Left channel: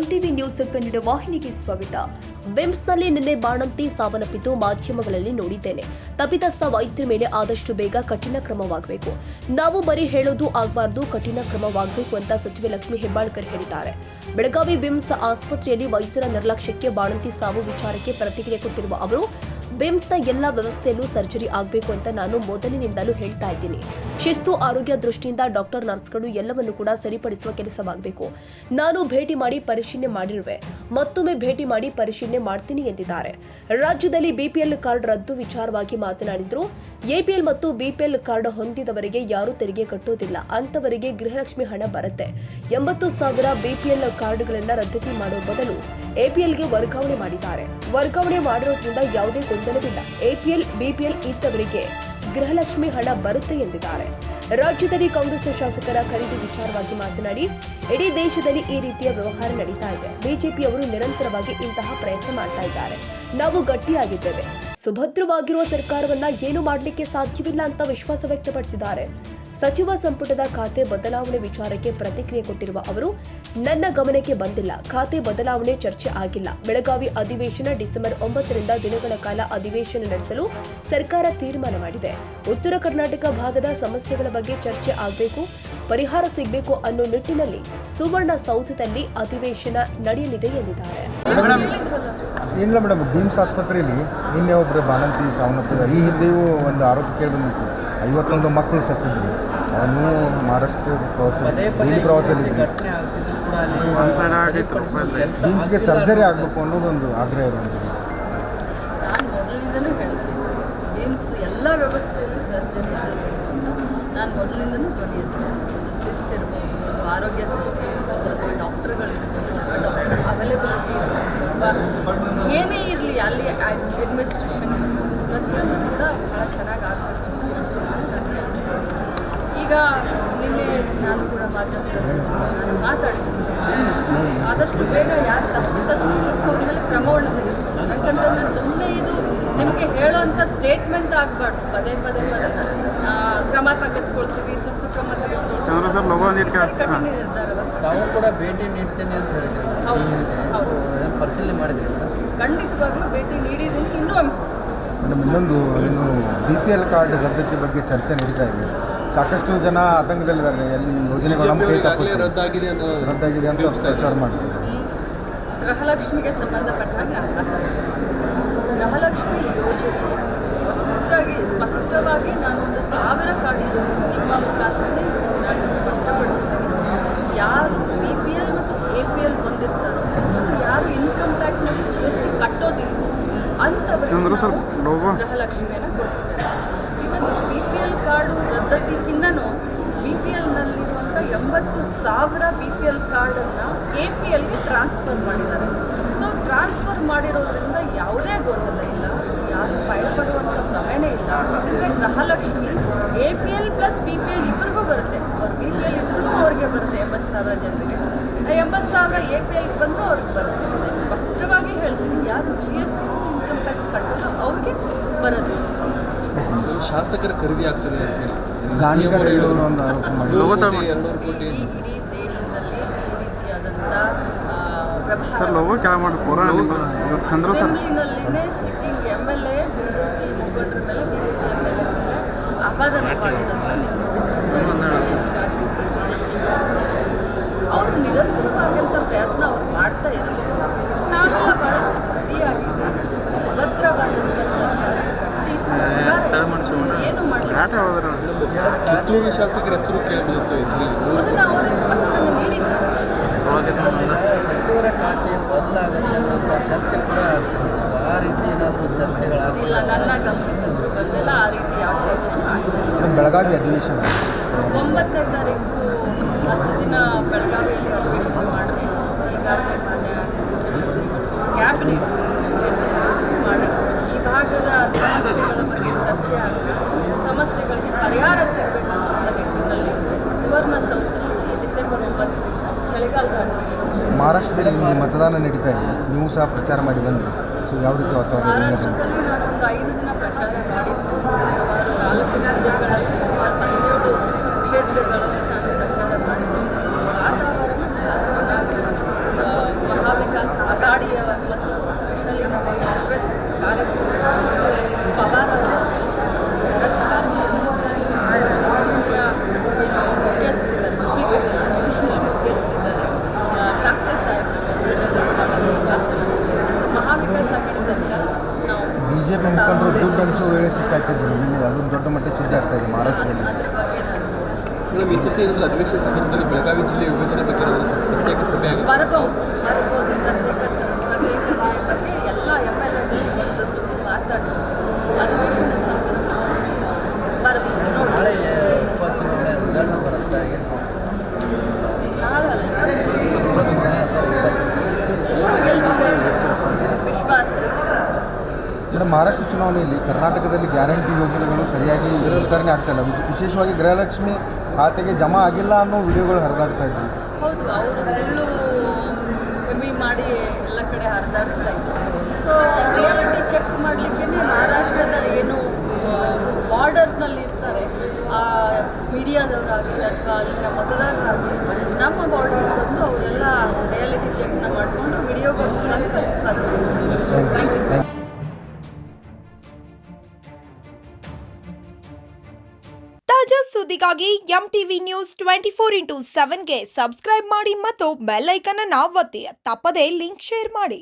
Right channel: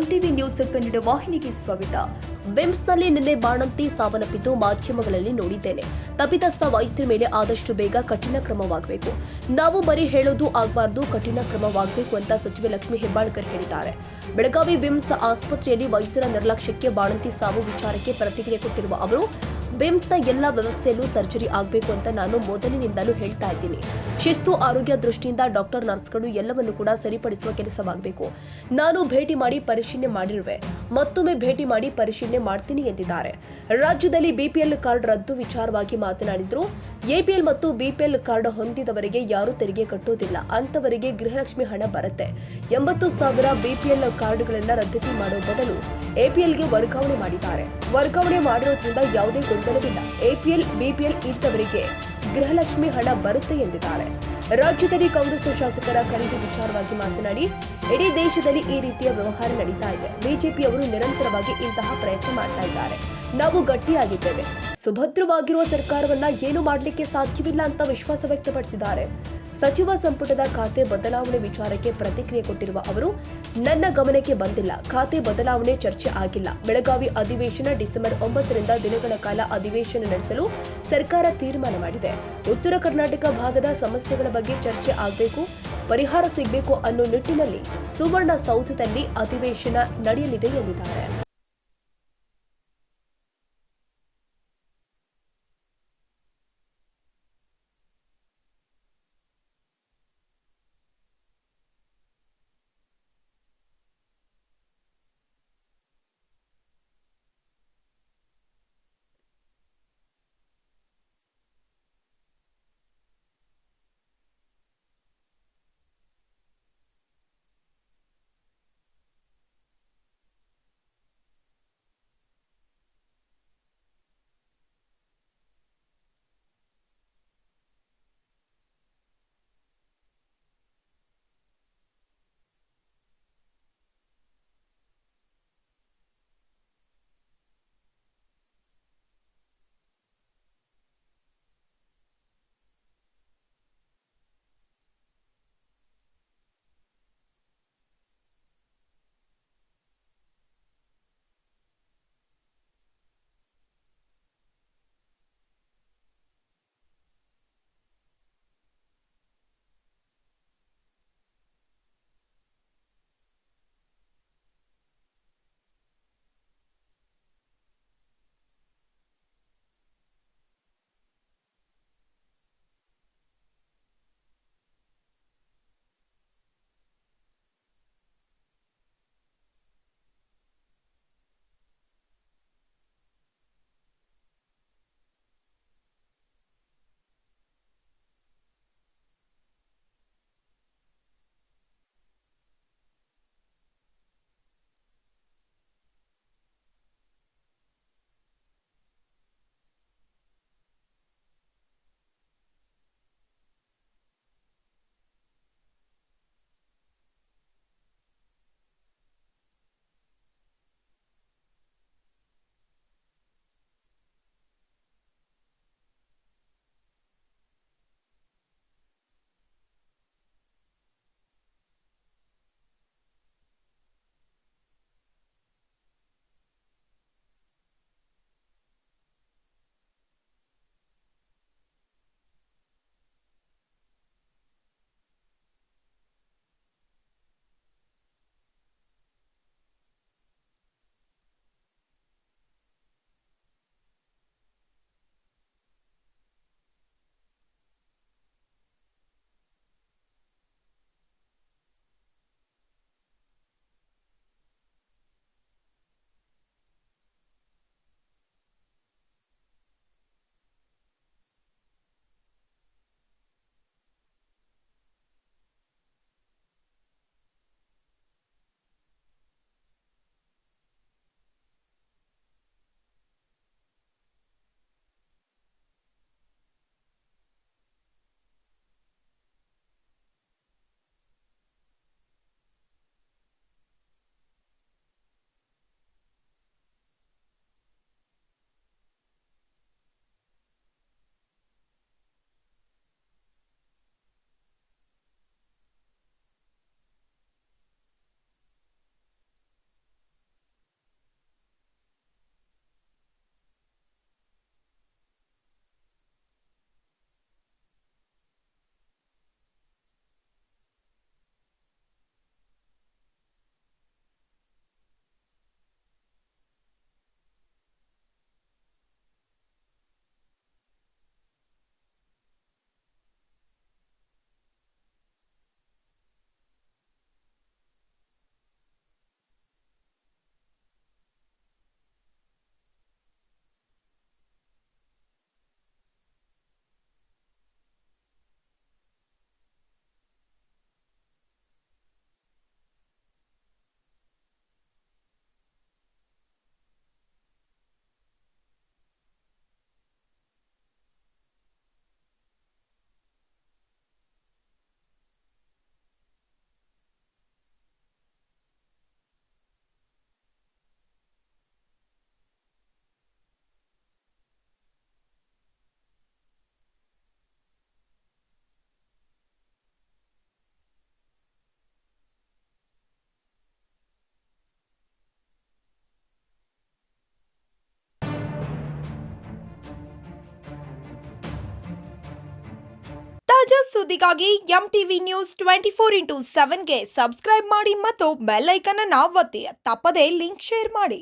MTV news Kannada ವಾಹಿನಿಗೆ ಸ್ವಾಗತ. ಬಿಮ್ಸ್ನಲ್ಲಿ ನಿನ್ನೆ ಬಾಣಂತಿ ಸಾವನ್ನಪ್ಪಿದ್ದು ಮಾಧ್ಯಮಗಳಲ್ಲಿ ನೋಡಿದ್ದೇನೆ. ತಪ್ಪಿತಸ್ಥ ವೈದ್ಯರ ಮೇಲೆ ಆದಷ್ಟು ಬೇಗ ಕಠಿಣ ಕ್ರಮವಾಗಬೇಕು. ನಾವು ಬರೀ ಹೇಳೋದು ಆಗಬಾರದು, ಕಠಿಣ ಕ್ರಮವಾಗಬೇಕು ಅಂತ ಸಚಿವೆ ಲಕ್ಷ್ಮೀ ಹೆಬ್ಬಾಳ್ಕರ್ ಹೇಳಿದ್ದಾರೆ. ಬೆಳಗಾವಿ ಬಿಮ್ಸ್ ಆಸ್ಪತ್ರೆಯಲ್ಲಿ ವೈದ್ಯರ ನಿರ್ಲಕ್ಷ್ಯಕ್ಕೆ ಬಾಣಂತಿ ಸಾವು ವಿಚಾರಕ್ಕೆ ಪ್ರತಿಕ್ರಿಯೆ ಕೊಟ್ಟಿರುವ ಅವರು, ಬಿಮ್ಸ್ನ ಎಲ್ಲ ವ್ಯವಸ್ಥೆಯಲ್ಲೂ ಸರ್ಜರಿ ಆಗಬೇಕು ಅಂತ ನಾನು ಮೊದಲಿನಿಂದಲೂ ಹೇಳ್ತಾ ಇದ್ದೀನಿ. ಶಿಸ್ತು, ಆರೋಗ್ಯ ದೃಷ್ಟಿಯಿಂದ ಡಾಕ್ಟರ್, ನರ್ಸ್ಗಳು ಎಲ್ಲವನ್ನೂ ಕೂಡ ಸರಿಪಡಿಸುವ ಕೆಲಸವಾಗಬೇಕು. ನಾನು ಭೇಟಿ ಮಾಡಿ ಪರಿಶೀಲನೆ ಮಾಡಿರುವೆ, ಮತ್ತೊಮ್ಮೆ ಭೇಟಿ ಮಾಡಿ ಪರಿಶೀಲನೆ ಮಾಡ್ತೀನಿ ಎಂದಿದ್ದಾರೆ. ರಾಜ್ಯದಲ್ಲಿ ಬಿಪಿಎಲ್ ಕಾರ್ಡ್ ರದ್ದು ವಿಚಾರವಾಗಿ ಮಾತನಾಡಿದ್ರು. ಎಪಿಎಲ್ ಮತ್ತು ಬಿಪಿಎಲ್ ಕಾರ್ಡ್ ಹೊಂದಿದವರಿಗೆ ಯಾರೂ ತೆರಿಗೆ ಕಟ್ಟೋದಿಲ್ಲ, ಅಂತವರಿಗೆ ಗೃಹಲಕ್ಷ್ಮಿ ಹಣ ಬರುತ್ತೆ. 80,000 ಬಿಪಿಎಲ್ ಕಾರ್ಡ್ಗಳನ್ನು ರದ್ದತಿ ಮಾಡುವ ಬದಲು ಎಪಿಎಲ್ಗೆ ವರ್ಗಾವಣೆ ಮಾಡಿದ್ದಾರೆ. ವರ್ಗಾವಣೆ ಮಾಡಿರೋದ್ರಿಂದ ಯಾವುದೇ ಗೊಂದಲವಿಲ್ಲ. ಎಪಿಎಲ್, ಬಿಪಿಎಲ್ ಇದ್ದವರಿಗೆ ಗೃಹಲಕ್ಷ್ಮಿ ಹಣ ಬರುತ್ತೆ ಎಂದಿದ್ದಾರೆ. ರಾಜ್ಯದಲ್ಲಿ ಕಾಂಗ್ರೆಸ್ ಶಾಸಕರ ಖರೀದಿ ವಿಚಾರವಾಗಿ ಮಾತನಾಡಿ, ಇಡೀ ದೇಶದಲ್ಲಿ ಈ ರೀತಿಯ ವ್ಯವಹಾರ ನಡೀತಾ ಇದೆ. ಬಿಜೆಪಿಯವರು ನಿರಂತರವಾಗಿ ಇಂತಹ ಪ್ರಯತ್ನ ಮಾಡ್ತಾ ಇದ್ದಾರೆ. ನಾವು ಗಟ್ಟಿಯಾಗಿದ್ದೇವೆ. ಸುಭದ್ರವಾಗಿರುವ ಸರ್ಕಾರವನ್ನ ಏನು ಮಾಡಲಿಕ್ಕೆ ಸಾಧ್ಯವಿಲ್ಲ ಅಂತ ವಿಶ್ವಾಸ ವ್ಯಕ್ತಪಡಿಸಿದ್ದಾರೆ. ಸಚಿವ ಸಂಪುಟದ ಖಾತೆ ಬದಲಾವಣೆ ವಿಚಾರಕ್ಕೆ ಪ್ರತಿಕ್ರಿಯೆ ಕೊಟ್ಟಿರುವ ಅವರು, ನನ್ನ ಗಮನಕ್ಕೆ ಬಂದಿಲ್ಲ. ಖಾತೆ ಬದಲಾವಣೆ ಚರ್ಚೆ ಆಗಿಲ್ಲ. ಬೆಳಗಾವಿ ಅಧಿವೇಶನ ಡಿಸೆಂಬರ್ 9ರಿಂದ ದಿನಗಳ ಕಾಲ ಅಧಿವೇಶನ ನಡೆಸಲು ಸರ್ಕಾರ ತೀರ್ಮಾನ ಮಾಡಿದೆ. ಉತ್ತರ ಕರ್ನಾಟಕ ಭಾಗದ ಸಮಸ್ಯೆಗಳ ಬಗ್ಗೆ ಚರ್ಚೆ ಆಗಬೇಕು, ಪರಿಹಾರ ಸಿಗಬೇಕು ಅನ್ನೋ ನಿಟ್ಟಿನಲ್ಲಿ ಸುವರ್ಣಸೌಧದಲ್ಲಿ ಅಧಿವೇಶನ ನಡೆಯಲಿದೆ ಎಂದಿದ್ದಾರೆ. ಏನಿಲ್ಲ ಮೇಡಮ್, ಬಿಮ್ಸ್ ಆಸ್ಪತ್ರೆಯಲ್ಲಿ ನಿನ್ನೆ ಒಬ್ಬರು ಬಾಣಂತಿ ಸಾವನ್ನಪ್ಪಿದ್ದಾರೆ. ಈ ಹಿಂದೆಯೂ ಒಂದು ಆರೋಪ ಕೇಳಿ ಬಂದಿತ್ತು. 51 ಮಕ್ಕಳು ಸತ್ತಿದ್ರು. ಅವನು ಮಹಾರಾಷ್ಟ್ರ ಪ್ರವಾಸದಲ್ಲಿ ಬಿಮ್ಸ್ಗೆ ಸರ್ಜರಿ ಆಗಬೇಕು ಅನ್ನೋದೊಂದು ಆಗ್ರಹ ಇರೋದು. ನಾನು ಮೊದಲಿಂದನೂ ಹೇಳ್ತೀನಿ, ಬಿಮ್ಸ್ ಎಲ್ಲ ವ್ಯವಸ್ಥೆಯಲ್ಲೂ ಸರ್ಜರಿ ಆಗಬೇಕು ಅಂತ ನಾನು ಮೊದಲಿಂದನೂ ಧ್ವನಿ ಎತ್ತೇನೆ. ಒಂದು ಶಿಸ್ತಿರ್ಬೋದು, ಒಂದು ಆರೋಗ್ಯ ದೃಷ್ಟಿ ಇರ್ಬೋದು, ಅಥವಾ ಡಾಕ್ಟರ್ಗಳಿರ್ಬೋದು, ಅಥವಾ ಡಾಕ್ಟರ್ ಅವೈಲೇಬಿಲಿಟಿ ಇರ್ಬೋದು, ಅಥವಾ ಏನೇ ಇರಲಿ ಅಲ್ಲಿ ಅಡ್ಮಿನಿಸ್ಟ್ರೇಷನ್ ಇರ್ಬೋದು, ಪ್ರತಿಯೊಂದು ಕೂಡ ಭಾಳ ಚೆನ್ನಾಗಿ ಆಗಬೇಕು ಅಂತ ನಾನು ಹೇಳ್ತೀನಿ. ಈಗ ನಿನ್ನೆ ನಾನು ಕೂಡ ಮಾಧ್ಯಮದಲ್ಲಿ ನಾನು ಮಾತಾಡ್ತೀನಿ, ಆದಷ್ಟು ಬೇಗ ಯಾರು ತಪ್ಪಿತಸ್ಥರು ಅವ್ರ ಮೇಲೆ ಕ್ರಮವನ್ನು ತೆಗೆದುಕೊಳ್ತೀವಿ. ಯಾಕಂತಂದರೆ ಸುಮ್ಮನೆ ಇದು ನಿಮಗೆ ಹೇಳೋವಂಥ ಸ್ಟೇಟ್ಮೆಂಟ್ ಆಗಬಾರ್ದು. ಪದೇ ಪದೇ ಕ್ರಮ ತೆಗೆದುಕೊಳ್ತೀವಿ, ಶಿಸ್ತು ಕ್ರಮ ತೆಗೆದುಕೊಳ್ತೀವಿ, ಕಠಿಣ ನಿರ್ಧಾರವನ್ನು ತಾವು ಕೂಡ ಭೇಟಿ ನೀಡ್ತೇನೆ ಅಂತ ಹೇಳಿದ್ರೆ ಹೌದು, ಪರಿಶೀಲನೆ ಮಾಡಿದ್ದೀರಿ? ಖಂಡಿತವಾಗ್ಲೂ ಭೇಟಿ ನೀಡಿದ್ದೀನಿ. ಇನ್ನೊಂದು ಇನ್ನು ಬಿಪಿಎಲ್ ಕಾರ್ಡ್ ರದ್ದತಿ ಬಗ್ಗೆ ಚರ್ಚೆ ನಡೀತಾ ಇದೆ. ಸಾಕಷ್ಟು ಜನ ಆತಂಕದಲ್ಲಿದ್ದಾರೆ. ಎಲ್ಲಿ ಯೋಜನೆಗಳು ನಮ್ಮ ಕೈ ತಪ್ಪುತ್ತೆ, ರದ್ದಾಗಿದೆ ಅಂತ ಪ್ರಚಾರ ಮಾಡ್ತಾರೆ. ಈ ಗೃಹಲಕ್ಷ್ಮಿಗೆ ಸಂಬಂಧಪಟ್ಟ ಹಾಗೆ ನಾನು ಮಾತಾಡ್ತೀನಿ. ಗೃಹಲಕ್ಷ್ಮಿ ಯೋಜನೆ ಸ್ಪಷ್ಟವಾಗಿ ನಾನು ಒಂದು 1000 ಕಾರ್ಡ್ ನಿಮ್ಮ ಮುಖಾಂತರ ನಾನು ಸ್ಪಷ್ಟಪಡಿಸಿದ್ದೀನಿ. ಯಾರು BPL ಮತ್ತು APL ಹೊಂದಿರ್ತಾರೋ ಮತ್ತು ಯಾರು ಇನ್ಕಮ್ ಟ್ಯಾಕ್ಸ್ ಮತ್ತು GST ಕಟ್ಟೋದಿಲ್ಲ ಅಂಥವರಿಗೆ ಗೃಹಲಕ್ಷ್ಮಿಯನ್ನು ಕೊಡ್ತೀವಿ. ಇವತ್ತು BPL ಕಾರ್ಡು ರದ್ದತಿಗಿನ್ನೂ BPLನಲ್ಲಿರುವಂಥ 80,000 BPL ಕಾರ್ಡನ್ನು APLಗೆ ಟ್ರಾನ್ಸ್ಫರ್ ಮಾಡಿದ್ದಾರೆ. ಸೊ ಟ್ರಾನ್ಸ್ಫರ್ ಮಾಡಿರೋದ್ರಿಂದ ಯಾವುದೇ ಗೊಂದಲ ಇಲ್ಲ, ಯಾರು ಭಯಪಡುವಂಥ ಪ್ರಮೇಯನೇ ಇಲ್ಲ. ಯಾಕಂದರೆ ಗೃಹಲಕ್ಷ್ಮಿ APL ಪ್ಲಸ್ BPL ಇಬ್ಬರಿಗೂ ಬರುತ್ತೆ. ಅವ್ರು BPL ಇದ್ರೂ ಅವ್ರಿಗೆ ಬರುತ್ತೆ 80,000 ಜನರಿಗೆ, 80,000 APLಗೆ ಬಂದರೂ ಅವ್ರಿಗೆ ಬರುತ್ತೆ. ಸೊ ಸ್ಪಷ್ಟವಾಗಿ ಹೇಳ್ತೀನಿ, ಯಾರು GST ಮತ್ತು ಇನ್ಕಮ್ ಟ್ಯಾಕ್ಸ್ ಕಟ್ಟೋದು ಅವ್ರಿಗೆ ಬರುತ್ತೆ. ಶಾಸಕರ ಖರೀದಿ ಆಗ್ತದೆ ಇಡೀ ದೇಶದಲ್ಲಿ ಈ ರೀತಿಯಾದಂಥ ಅಸೆಂಬ್ಲಿನಲ್ಲಿನೇ ಸಿಟ್ಟಿಂಗ್ MLA BJP ಮುಖಂಡರ ಮೇಲೆ, BJP MLA ಮೇಲೆ ಆಪಾದನೆ ಮಾಡಿರೋದನ್ನ ನೀವು ನೋಡಿದ್ರೆ ಅಂತ ಹೇಳಿ ಶಾಸಕರು BJP ಅವರು ನಿರಂತರವಾದಂಥ ಪ್ರಯತ್ನ ಅವ್ರು ಮಾಡ್ತಾ ಇರಬೇಕು. ನಾವೆಲ್ಲ ಭಾಳಷ್ಟು ಗಟ್ಟಿಯಾಗಿದ್ದೇವೆ. ಸುಭದ್ರವಾದಂಥ ಸರ್ಕಾರ, ಗಟ್ಟಿ ಸರ್ಕಾರ ಏನು ಮಾಡಲಿಕ್ಕೆ ಶಾಸಕರ ಹೆಸರು ಕೇಳಬಹುದು. ಅದನ್ನು ಅವರೇ ಸ್ಪಷ್ಟನೆ ನೀಡಿದ್ದಾರೆ. ಸಚಿವರ ಖಾತೆ ಬದಲಾಗತ್ತೆ ಅನ್ನುವಂಥ ಚರ್ಚೆ ಕೂಡ ಆ ರೀತಿ ಏನಾದರೂ ಚರ್ಚೆಗಳಾಗಿಲ್ಲ? ಇಲ್ಲ, ನನ್ನ ಗಮನಕ್ಕೆ ಬಂದಿಲ್ಲ. ಆ ರೀತಿ ಯಾವ ಚರ್ಚೆ ಆಗಿದೆ. ಬೆಳಗಾವಿ ಅಧಿವೇಶನ 9ನೇ ತಾರೀಕು 10 ದಿನ ಬೆಳಗಾವಿಯಲ್ಲಿ ಅಧಿವೇಶನ ಮಾಡಬೇಕು ಅಂತ ಈಗಾಗಲೇ ಮಾನ್ಯ ಮುಖ್ಯಮಂತ್ರಿಗಳು ಕ್ಯಾಬಿನೆಟ್ ನಿರ್ಧಾರ ಮಾಡಿ ಈ ಭಾಗದ ಸಮಸ್ಯೆಗಳ ಬಗ್ಗೆ ಚರ್ಚೆ ಆಗಬೇಕು, ಸಮಸ್ಯೆಗಳಿಗೆ ಪರಿಹಾರ ಸಿಗಬೇಕು ಅಂತ ನಿಟ್ಟಿನಲ್ಲಿ ಸುವರ್ಣಸೌಧದಲ್ಲಿ ಡಿಸೆಂಬರ್ 9ರಿಂದ ಚಳಿಗಾಲದ ಅಧಿವೇಶನ. ಮಹಾರಾಷ್ಟ್ರದಲ್ಲಿ ಮತದಾನ ನಡೀತಾ ಇದೆ, ನೀವು ಸಹ ಪ್ರಚಾರ ಮಾಡಿ ಬಂದ್ರಿ. ಸೊ ಯಾವ ರೀತಿ ವಾತಾವರಣ? ಮಹಾರಾಷ್ಟ್ರದಲ್ಲಿ ನಾನು ಒಂದು 5 ದಿನ ಪ್ರಚಾರ ಮಾಡಿದ್ದು. ಸುಮಾರು 4 ಜಿಲ್ಲೆಗಳಲ್ಲಿ, ಸುಮಾರು 17 ಕ್ಷೇತ್ರಗಳಲ್ಲಿ ನಾನು ಪ್ರಚಾರ ಮಾಡಿದ್ದೀನಿ. ವಾತಾವರಣ ಚೆನ್ನಾಗಿ ದುಡ್ಡು ಹಂಚೋ ವೇಳೆ ಸಿಕ್ಕಾಕಿದ್ರು ಇಲ್ಲಿ ಅದೊಂದು ದೊಡ್ಡ ಮಟ್ಟದ ಸುದ್ದಿ ಆಗ್ತಾ ಇದೆ ಮಹಾರಾಷ್ಟ್ರದಲ್ಲಿ. ಅದ್ರ ಬಗ್ಗೆ ನಾನು ಮೇಡಮ್, ಈ ಸತಿ ಏನಾದರೂ ಅಧಿವೇಶನ ಸಂದರ್ಭದಲ್ಲಿ ಬೆಳಗಾವಿ ಜಿಲ್ಲೆ ವಿಭಜನೆ ಬಗ್ಗೆ ಏನಾದರೂ ಪ್ರತ್ಯೇಕ ಸಭೆ ಆಗುತ್ತೆ? ಬರ್ಬೋದು ಪ್ರತ್ಯೇಕತೆಯ ಬಗ್ಗೆ ಎಲ್ಲ MLA ಒಂದು ಸುತ್ತು ಮಾತಾಡ್ತೀವಿ. ಅಧಿವೇಶನ ಸಂದರ್ಭದಲ್ಲಿ ಬರ್ಬೋದು ನೋಡಿ. ನಾಳೆ ಉಪಚುನಾವಣೆ ರಿಸಲ್ಟ್ ಬರುತ್ತೆ, ಏನು ನಾಳೆ ಅಲ್ಲ ವಿಶ್ವಾಸ. ಮೇಡಮ್, ಮಹಾರಾಷ್ಟ್ರ ಚುನಾವಣೆಯಲ್ಲಿ ಕರ್ನಾಟಕದಲ್ಲಿ ಗ್ಯಾರಂಟಿ ಯೋಜನೆಗಳು ಸರಿಯಾಗಿ ವಿತರಣೆ ಆಗ್ತಾಯಿಲ್ಲ. ವಿಶೇಷವಾಗಿ ಗೃಹಲಕ್ಷ್ಮಿ ಖಾತೆಗೆ ಜಮಾ ಆಗಿಲ್ಲ ಅನ್ನೋ ವಿಡಿಯೋಗಳು ಹರಿದಾಡ್ತಾ ಇದ್ವಿ. ಹೌದು, ಅವರು ಸುಳ್ಳು ಮಾಡಿ ಎಲ್ಲ ಕಡೆ ಹರಿದಾಡಿಸ್ತಾ ಇದ್ರು. ಸೊ ರಿಯಾಲಿಟಿ ಚೆಕ್ ಮಾಡಲಿಕ್ಕೆ ಮಹಾರಾಷ್ಟ್ರದ ಏನು ಬಾರ್ಡರ್ನಲ್ಲಿ ಇರ್ತಾರೆ ಆ ಮೀಡಿಯಾದವರಾಗಲಿ ಅಥವಾ ಅಲ್ಲಿನ ಮತದಾರರಾಗಲಿ ನಮ್ಮ ಬಾರ್ಡರ್ ಬಂದು ಅವರೆಲ್ಲ ರಿಯಾಲಿಟಿ ಚೆಕ್ನ ಮಾಡಿಕೊಂಡು ವಿಡಿಯೋಗಳು ಕಳಿಸ್ತಾರೆ. Thank you sir. ತಾಜಾ ಸುದ್ದಿಗಾಗಿ MTV ನ್ಯೂಸ್ 24/7ಗೆ ಸಬ್ಸ್ಕ್ರೈಬ್ ಮಾಡಿ ಮತ್ತು ಬೆಲ್ ಐಕಾನ್ ಅನ್ನು ಒತ್ತಿ. ತಪ್ಪದೇ ಲಿಂಕ್ ಶೇರ್ ಮಾಡಿ.